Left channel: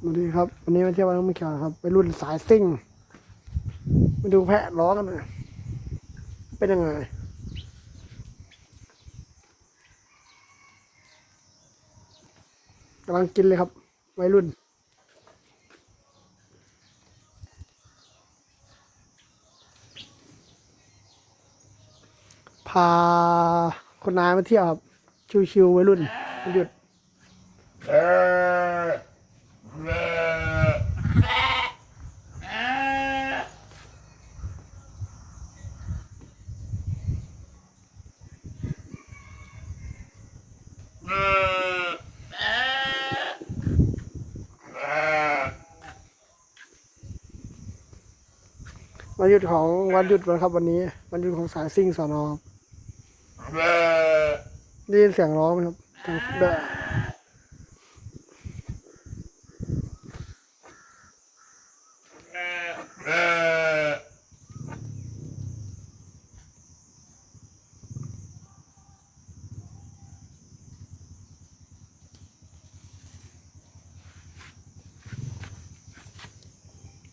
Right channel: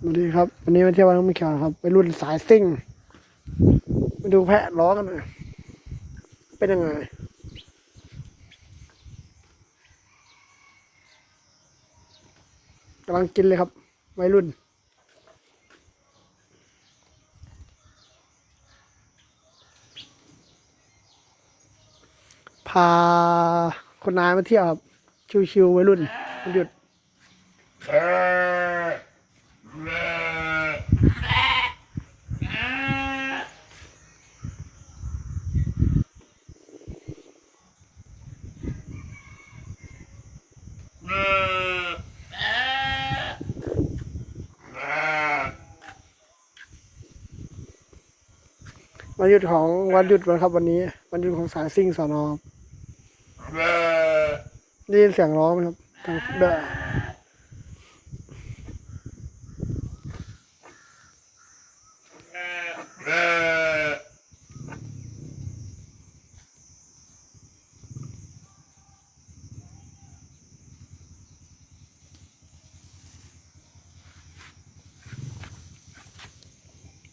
สวัสดีครับ วันนี้มาเที่ยววัดน้ำเขียวครับไปรุ่นสายซิ่งมาดูแพะล้อกันหน่อยเป็นยังไงกำลังกินเลยครับวัยรุ่นพาคนนายมาเที่ยวครับ ชิวๆวัยรุ่นวันหยุด วันหยุดของวันหยุดวันครับวันนี้วันหยุดของสายซิ่งสอนอครับได้ยินเสียงร้องไหมครับดังแบบ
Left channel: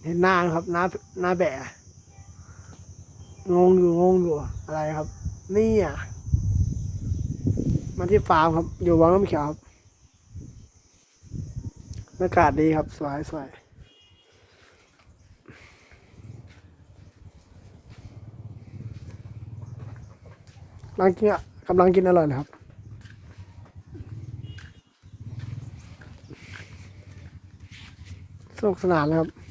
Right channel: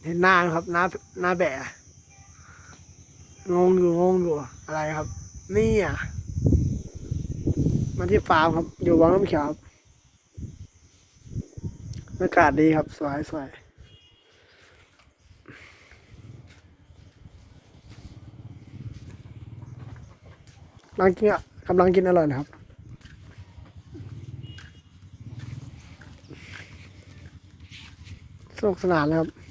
เห็นหน้าครับหน้าหน้าแบะงงอยู่งงอยู่อะไรครับ นี่อะมาที่ฟาร์มครับ อยู่วังน้ำเขียวครับบรรยากาศดีครับ สวยสวยกำลังกินอะกำลังกินอร่อยนะครับ สนุกสนานเลยครับ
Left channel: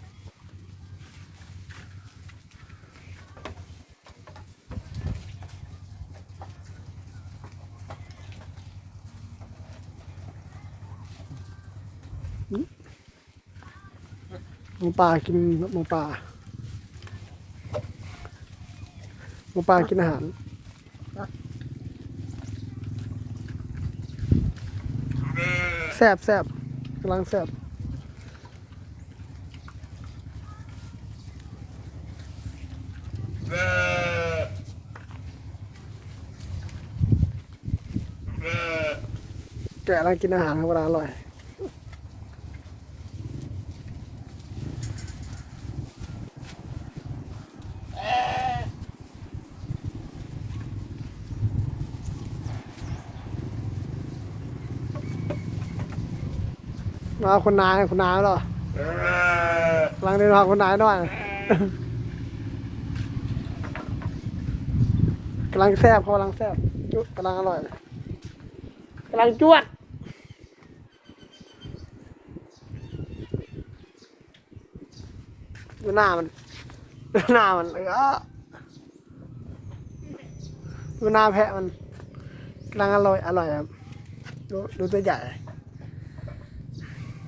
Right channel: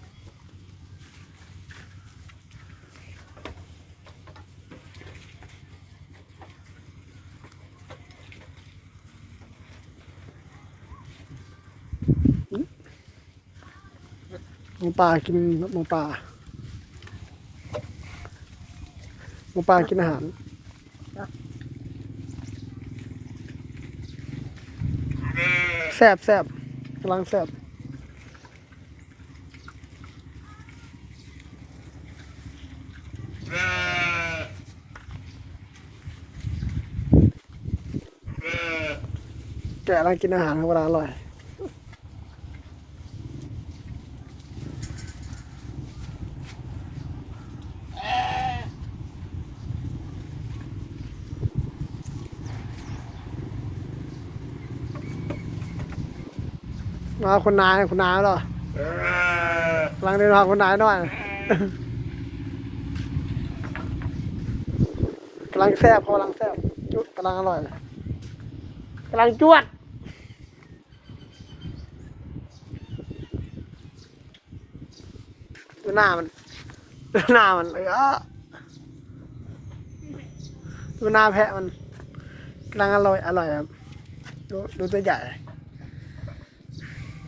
มูป่ากินหมูป่าหมูป่ากินอาหารแซบแซบกำลังแซบแกะกำลังกินอาหารครับเวลาอร่อย มาคนนายคนนายเหรอกำลังเดินทางคนนายหน่อยกำลังแซ่บเขากำลังแซ่บจุกำลังอร่อยกำลังจวดดูหน้ามันดูหน้ามันเออดูหน้าแพะมันกำลังอร่อยอร่อยครับดูดูตัวใหญ่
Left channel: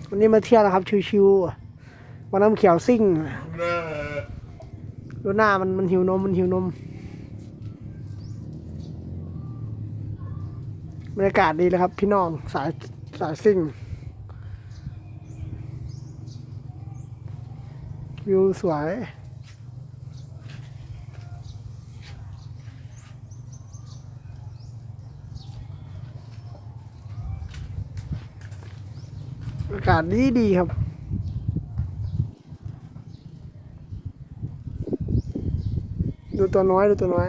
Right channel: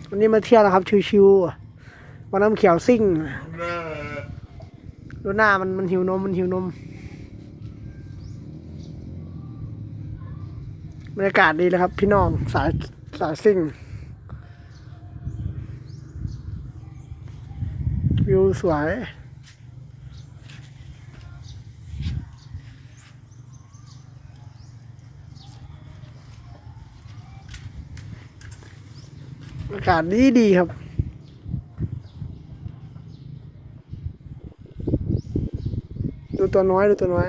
วันนี้มาเที่ยวนะครับ ชิวๆวันน้ำเขียวซิ่งดูหน้ามันมันหิวนมมันหิวนมบรรยากาศดีเลยครับ พี่น้องสายสายซิ่ง วิวสวย อากาศดีดีครับ ดูตัวน้อยดูตัวน้อย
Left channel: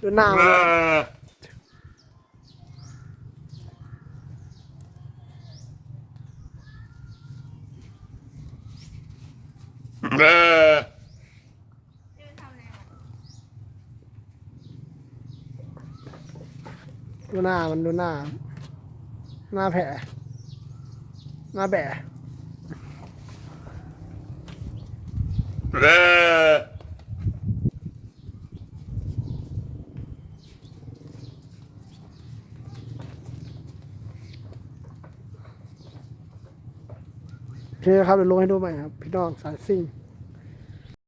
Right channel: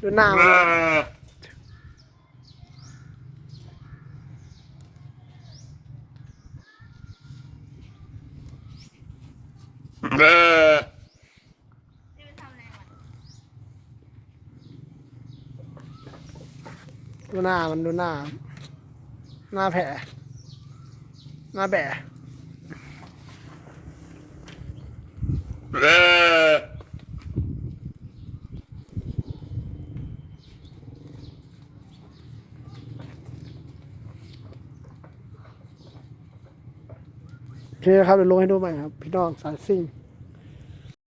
ดูหน้ามันดูหน้ามันดูหน้า หน้าแผลหน้าแบะโอเคครับเดี๋ยวลงให้ดูใหม่ครับ พี่น้องสายซิ่ง